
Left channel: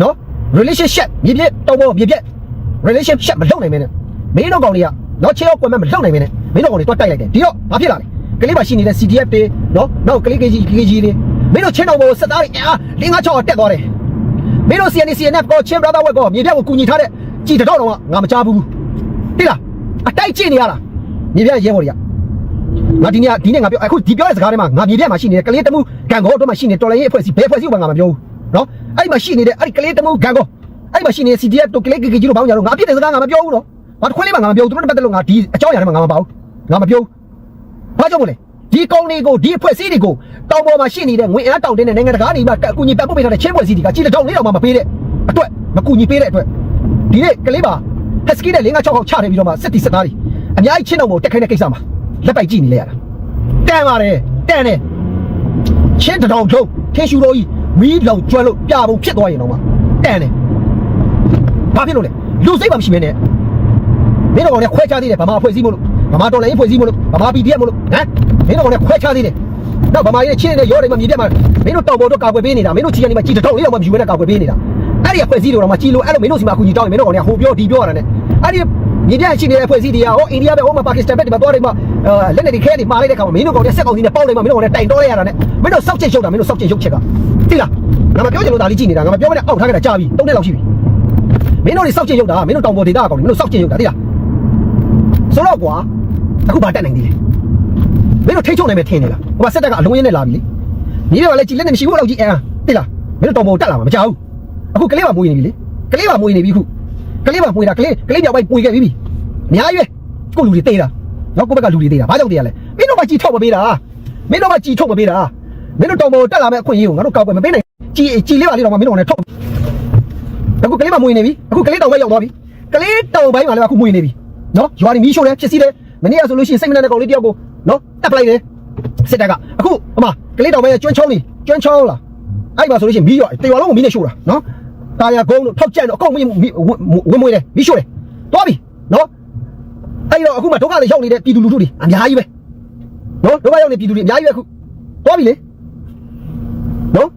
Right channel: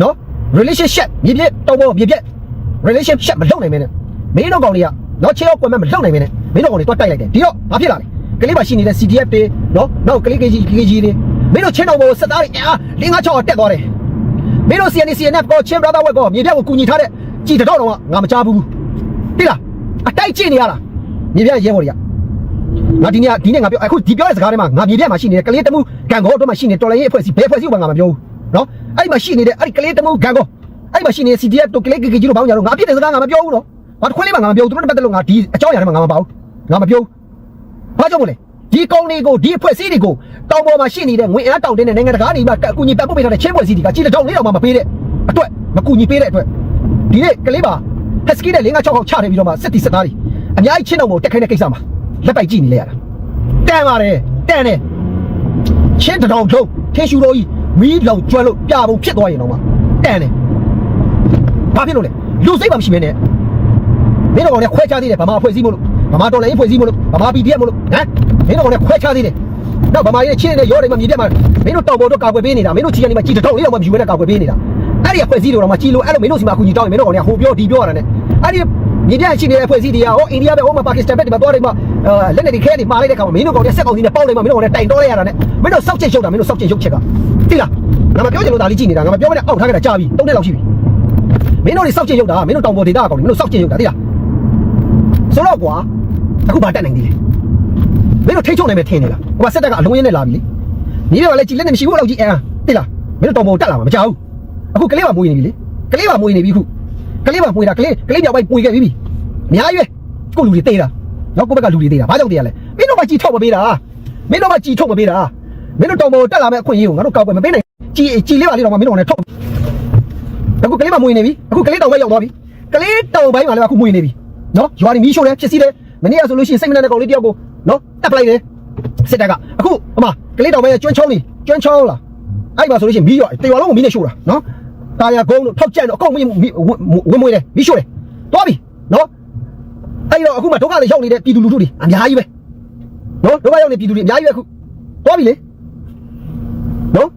နော် relationship မြေပြည့်တောင်းပေါ်မြေပြည့် relationship မလုပ်နိုင်မဲနဲ့မင်းတို့ကောင်တွေကနော်ချေရောက်ကွယ်မဲ့မလုပ်နိုင်မဲနဲ့မင်းတို့ကောင်တွေတွတ်တိုက်လိုက်တယ်ဒီတော့ဘာဖြစ်လာလဲကလေးပါရှိနေတဲ့ CDF တွေနော်နောက်ကလေး KG KG တွေမင်းတို့ချင်းတော်ပေါ်စက်သားတွေအာလင်းငါချောက်တက်သွားတယ်မင်းတို့ CNC CNF ကိုချင်း brother ဝက်ကိုမြေပြည့်ကိုကူညီထားတဲ့ကြည်တတော့တော့ငါမကြားဘူးတိလားအတိုက်ကျင့်နေရတာမြေပြည့်ရဲဘော်တွေကငါဒီနေ့ဒီနေ့ငါပြောအခုဒီပြောတဲ့စကားထဲမှာငါမြေပြက်မှာရှိနေတဲ့ကလေးတမှုဂန်ကောတော့မှာရှိနေတော်လိုင်းရဲ့အဖွဲ့အစည်းဘယ်အဖွဲ့အစည်းကိုငါမပြောဘူးနော် အဲ့ဒီမှာရှိနေတဲ့အဲ့ဒီကလေးတမှုဂန်ကောအဲ့ဒီမှာရှိနေတဲ့ CDF တို့ကလေးကကြီးတို့ဘောင်းကြတော့ငါပြစ်တဲ့စကားငါမပြောဘူးနော်ဘာတစ်ခွဲလေးမှငါမပြောဘူးသူတို့နဲ့ပတ်သက်လို့ငါဒီအကြောင်းအရာတွေမှာငါမပါဘူးငါမပြောဘူးဘာကြောင့်မလဲဒီကောင်းလေးကိုဒီအဖွဲ့အစည်းတွေကိုတောင်ပေါ်မှာရှိနေတဲ့ငွေအားတောင်တင်းတဲ့နိုင်ငံတကာတွေမှာအကူအညီပတ်ဖို့ပေးထားတဲ့ချင်းဖွဲ့စည်းတွေကကြီးတောင်လေးတောင်မှမပေးတဲ့အတွက်မကူညီပေးတဲ့အတွက်ဒီနေ့ကလေးပါဟက်စကီနဲ့5 6ခေါက်ချနေပြီးတော့မှစစ်တီစစ်သားတွေအများကြီးချင်းတော်ကိုတက်ခိုင်းတဲ့ကိစ္စမှာလက်ပိုက်ကြည့်နေလေရတာတန်ပါတယ်တန်တယ်ချင်းတောင်ထုံးထင်းရှူတော်ကြီး မီးလောင်ကျွမ်းလို့ပြဖို့ဖြစ်သွားရင်တော့မှတန်တယ်ဘာဖြစ်လို့လဲလူစိတ်မှမရှိမဲနဲ့မင်းတို့ကောင်လည်းခွဲခြားသေးတယ်ဗမာအဖွဲ့အစည်းမို့လို့ဗမာတော်လည်းအဖွဲ့အစည်းမို့လို့ဗမာ PDF မို့လို့ဟမ်မင်းတို့ကောင်လည်းခွဲခြားသေးတယ်တော့ဗမာကြီးနဲ့ချင်းနဲ့ရောတယ်မှမြေပြတ်မှာမင်းတို့တောင်ပေါ်တော့ကာကွယ်ပေးနေတာမင်းတို့ချီကနေမှကြည်တောင်လေးတော့မှယူရဲနဲ့ကာကွယ်ပေးနေတာအဲ့ဒီအဖွဲ့အစည်းတွေတော့မှကြည်လို့အဲ့လိုမင်းတို့စီမှာအကူကြီးတောင်းရင်မင်းတို့ကောင်လည်းဟိုပြောဒီပြောရတာနဲ့အဲ့ဒီ မြေပြတ်ရှိနေတဲ့အဖွဲ့အစည်းတွေကဟောအိန္ဒိယပဲဟောမှာပါကစ္စတန်ပဲဒီမှာသွားတယ်မှာလက်နဲ့ဒီခဲတွေမှားလိုက်တဲ့ခါမှာမင်းတို့ကောင်လည်းစက်ကောင်စီနဲ့ပေါက်လိုက်မှာမင်းတို့ကောင်လည်းတိုင်တော့လိုက်ရတာနဲ့မင်းတို့စောက်ချက်ရုပ်တာမင်းတို့စောက်ချက်ရုပ်ချက်ကသိလားငါမပြောချင်လို့ဒါလေးကြည့်နေတာငါမပြောမနဲ့အောက်ထားခဲ့တာကြာပြီ၃နှစ်လောက်ရှိပြီမင်းတို့တွေစောက်ချက်ရုပ်တာမင်းတို့တောင်ပေါ်ဒေတာကောင်မင်းတို့စောက်ချက်ရုပ်တာသိလားဆိုတော့ကွာအခုဘာတက်နိုင်သေးလဲမင်းတို့ထိတ်ချုံနိုင်မယ်ထင်နေလားဟိုမှာစက်တက်ကအလုံးရင်းနဲ့လာပြီလေမြေပြကလည်းကြည်လက်နဲ့မရှိဘူးလောက်ကြီးအဲသိလားမင်းတို့တောင်ပေါ်တက်လာမှာမကြောက်ဘူးအခုကလေးပါမွေးနေပြီလေကလေးပါမွေးနေပြီခု ကလေးပါမွေးတာကလေးကလေးပြောက်ပိုက်ပွေခဲ့ပြီအများကြီးပဲကိုလူတွေတေးတာနော်ကိုဘက်ကလူတွေတေးတာဘာကြောင့်တေးရလဲမင်းတို့ကကြည်ထုတ်မပေးတာမင်းတို့ကကြည်ထုတ်မပေးတာမင်းတို့တောင်ပေါ်တက်လာမဲ့အခွင့်အရေးကိုငါတို့ကောက်ွယ်မပေးနိုင်ကြည်ကြည်လေးပါလေးတော့မင်းတို့ကလည်းထုတ်အခုကလေးမမွေနေပြီအခုကလေးတောင်ပဲရောက်သွားပြီကလေးတောင်ပိုင်းမှာလည်းအခုမွေနေပြီနော်ရွာတွေမီးရှို့တယ်ဖြစ်စီတယ်မနေ့ကဆိုလို့ရှိရင်စိတ်မနဲ့တဲ့ကောင်လေးတယောက်ကိုနော်တက်ပလိုက်တယ်စစ်တပ်ကအခုဟိုမှာကလေးတောင်ပဲကျွန်းချောင်းနေကျွန်းချောင်းလားအဲ့မှာဆိုလို့ရှိရင်မီးရွာတရွာလုံးကိုမီးနဲ့ရှို့တာနော် တာယာကုန်းတို့ထောက်ကြံတို့အကုန်မီးဝင်မွေတယ်မီးရှို့တယ်သွားပြီနော်အဲ့တော့အခုမှဒုက္ခတွေရောက်နေတဲ့ပြည်သူလူထုတွေအများကြီးပဲနော်ဒုက္ခရောက်နေပြည်သူတွေအများကြီးပဲအခုသွားပြီလေနော်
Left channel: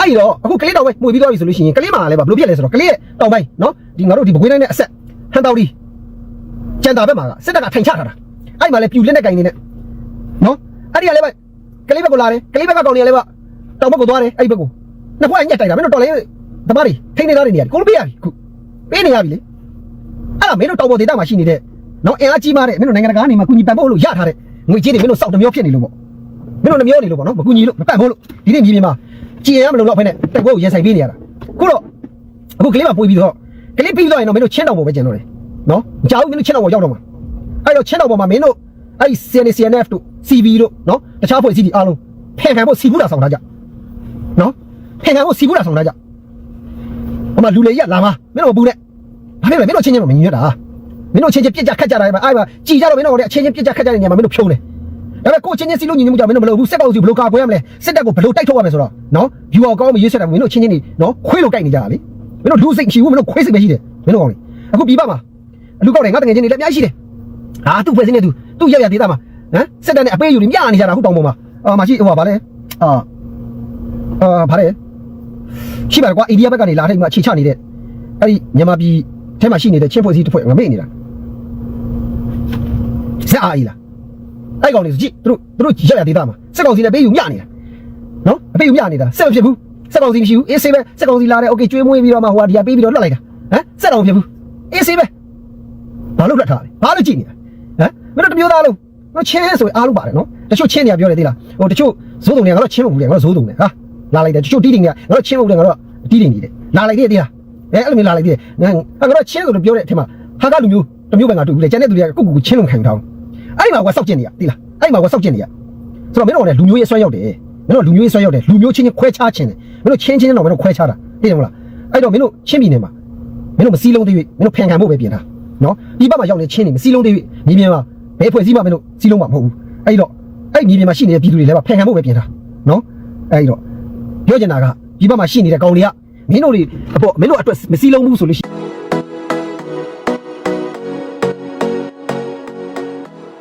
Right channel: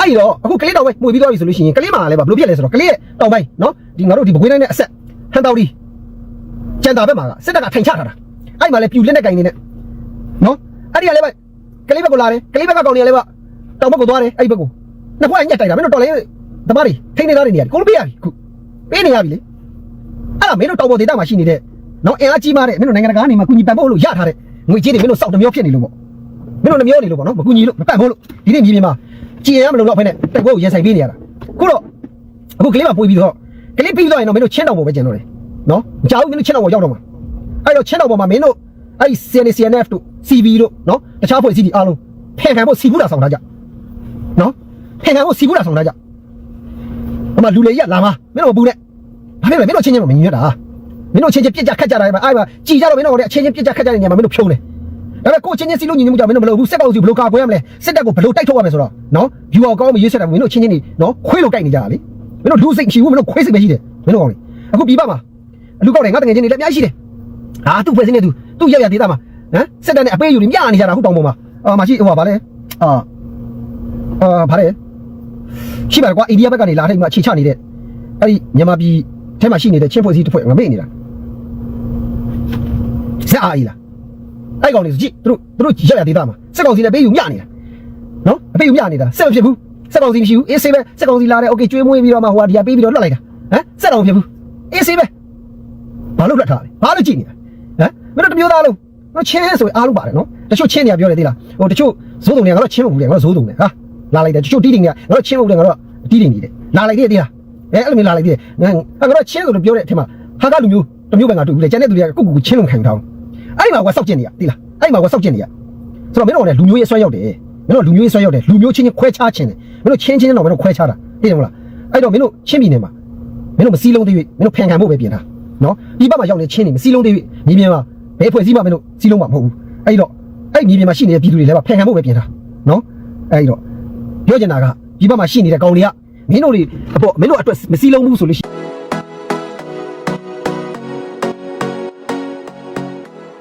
အဲ့တော့အခုကလေးတောင်ပဲမှုပြီးသွားပြီဆိုလို့ရှိရင်ကလေးမှာလည်းပါဘယ်လိုဖြစ်လဲဆိုတော့ကလေးရဲ့တောင်ပိုင်းနော်ဒီငါတို့ဒီဘကွေးတိုင်းနဲ့အဆက်ဟန်တောက်ဒီကျန်တာဘက်မှာကစစ်တပ်ကထိုင်ချထားတာအဲ့မှာလည်းပြူလက်နဲ့ကင်နေနဲ့နော်အဲ့ဒီကလည်းပဲကလေးဘက်ကလာတယ်ကလေးဘက်ကကောင်နေလည်းပဲတောင်ဘက်ကိုသွားတယ်အဲ့ဒီဘက်ကိုနှစ်ဖွဲ့ညက်တိုက်တာမင်းတို့တော်လေး ဓမ္မတွေထိနေသားတွေနေရတယ်ကိုလိုပေးရပြီခုပေးနေရပြီလေအဲ့ဒါမင်းတို့တောင်ပေါ်ဒေသမှာရှိနေတဲ့နော်အင်အားကြီးမားတဲ့မင်းတို့နိုင်ငံတကာကနေမှကူညီပံ့ပိုးလို့ရထားတဲ့ငွေကြေးတွေမင်းတို့စောက်တစ်မျိုးဖြစ်နေလို့ပေါ့မင်းတို့နှမျိုးနေလို့ပေါ့နော်မကူညီလို့မပံ့ပိုးလို့ဒီနေ့မြေပြင်မှာကြည်ရမလို့တော့ဖက်နဲ့တက်ပွဲကိုရင်ဆိုင်ပေးနေရတာခုတော့အခုကလေးမှပွေးပြီးတော့ကလေးပြီးတော့ရင်တော့မင်းတို့ချင်းတောင်ပေါ်ပဲကျန်တော့တယ်နော်မကြောက်ဘူးမင်းတို့ချင်းတောင်ပေါ်ရောက်တော့မှာအဲ့တော့ချင်းတောင်ပေါ်မှာမင်းတို့အဲ့ဒီ CNCNF တို့ CB တို့နော်တခြားဖွဲ့စည်းတွေအားလုံးဖန်ခံဖို့စီဘူးတာဆောင်ထားကြနော်ဖန်ခံဖို့စီဘူးတာဆောင်ထားကြ ဟိုမှာလူလေကြီးကလာမှာမင်းတို့မပူနဲ့ဘာဖြစ်လဲမင်းတို့ချင်းချင်းမမြင်ရတာမင်းတို့ချင်းချင်းပြစ်ကြခတ်ကြတာပဲအဲ့မှာကြည်ကြတော့မင်းတို့ကအချင်းချင်းပြစ်ကြခတ်ကြတဲ့နေရာမှာမင်းတို့ဖြုံးတယ်ဒါပေမဲ့ကိုချင်းချင်းစီလို့ညီညွတ်မှုကြောင့်မင်းတို့မလုပ်ဘူးစစ်ကောင်စီဘလို့ကာကွယ်ရမလဲစစ်တပ်ကိုဘလို့တိုက်ထုတ်ရမလဲဆိုတော့နော် view ကောင်းမရွေးဆက်တာမင်းတို့ချင်းချင်းနေနော်ခွေးလို့တိုက်နေကြတာလေမင်းတို့လူစိတ်မရှိဘူးမင်းတို့ခွေးစိတ်ပဲရှိတယ်မင်းတို့ကောင်လေအခုပြပမှာလူကောက်တယ်ငါတကယ်ချင်းနေလက်အများကြီးရှိတယ်ဟာသူ့ဖွဲ့စင်းနေသူသူ့ရက်ရဒေတာမှာဟမ်စစ်တပ်နဲ့အပေးယူနေမြနေကြတာအခုတောင်ပေါ်မှာအာမရှိဟိုပါဗာလဲအာအာဗာလဲ ရှိပါကွာအိန္ဒိယဘက်ကနေလာထိုက်မှအခြေချနေတဲ့အဲ့ဒီမြန်မာပြည်ထဲမှာရှိနေတဲ့ချင်းဖွဲ့စည်းတစ်ဖွဲ့ငမေ့နေတာ ဇက်အားကြီးလား အဲ့ကောင်တွေဆိုကြည့်သူတို့သူတို့ရက်ရဒေတာမှာစက်ကောင်စီနဲ့ပေးယူမျှနေတာနော်အပေးယူမျှနေတာစက်မဖြစ်ဘူးစက်ကောင်စီမရှိဘူးအေးဆေးပဲစက်ကောင်စီလာတယ်โอเคကျွေးမွေးပြီးတော့မှဟိုဟာဒီဟာပေးပြီးတော့လွတ်လိုက်တာဟမ်စက်တော်မဖြစ်ဘူးအေးဆေးပဲဘာလို့လွတ်ထားလဲဘာလို့ကြည့်နေတာဟမ်မင်းတို့တစ်မျိုးသားလုံးတို့ချင်းဆိုရင်အားလုံးပါတယ်နော်တချို့ချင်းတွေကပြောတယ်သိလားဟိုတချို့ဇိုးတုံတွေကငါတို့ချင်းမဟုတ်ဘူးလေငါတို့ဇိုးတုံတွေဟာ လာလိုက်တယ်တချို့တီးတင်တွေကငါတို့ချင်းမဟုတ်တယ်ငါတို့တီးတင်နေတယ်လာလိုက်တယ်သိလားအဲအဲ့လိုမျိုးလာလိုက်တယ်ငါငါတို့ချင်းဆိုတော့ပြောတဲ့အထက်မှာဟာကလူမျိုးတစ်မျိုးပဲငါတူဘူးလေကျန်တဲ့သူတွေကကိုကိုကိုချင်းလုံးခံထားအဲ့ဒီမှာကစောက်ကျင်နေရသိလားအဲ့ဒီမှာကစောက်ကျင်နေရဆိုတော့မင်းတို့ကလည်းလူမျိုးရေးဆွဲရောက်တယ်မင်းတို့လူမျိုးရေးဆွဲရောက်တယ်လူမျိုးချင်းချင်းခွဲခြားခြင်းတယ်မင်းတို့ချင်းချင်းတော့မင်းတို့ခွဲခြားတာသိတယ်မလားအဲ့တော့မင်းတို့ချင်းပြည်နယ်မှာမင်းတို့မစည်းလုံးသေး၍မင်းတို့ဖန်ခံဖို့ပဲပြင်တာနော်ဒီဘက်မှာရောက်နေချင်းနေမစည်းလုံးသေး၍မြေပြင်မှာဘယ်ဖွဲ့စည်းမှမင်းတို့စည်းလုံးမှာမဟုတ်ဘူးအဲ့တော့အဲ့မြေပြင်မှာရှိနေတဲ့ပြည်သူတွေလည်းဖန်ခံဖို့ပဲပြင်တာနော်အဲ့တော့ ပြောချင်တာကဒီဘက်မှာရှိနေတဲ့ကောင်တွေကမင်းတို့တွေအပေါ်မင်းတို့အတွက်မစည်းလုံးဘူးဆိုလို့ရှိ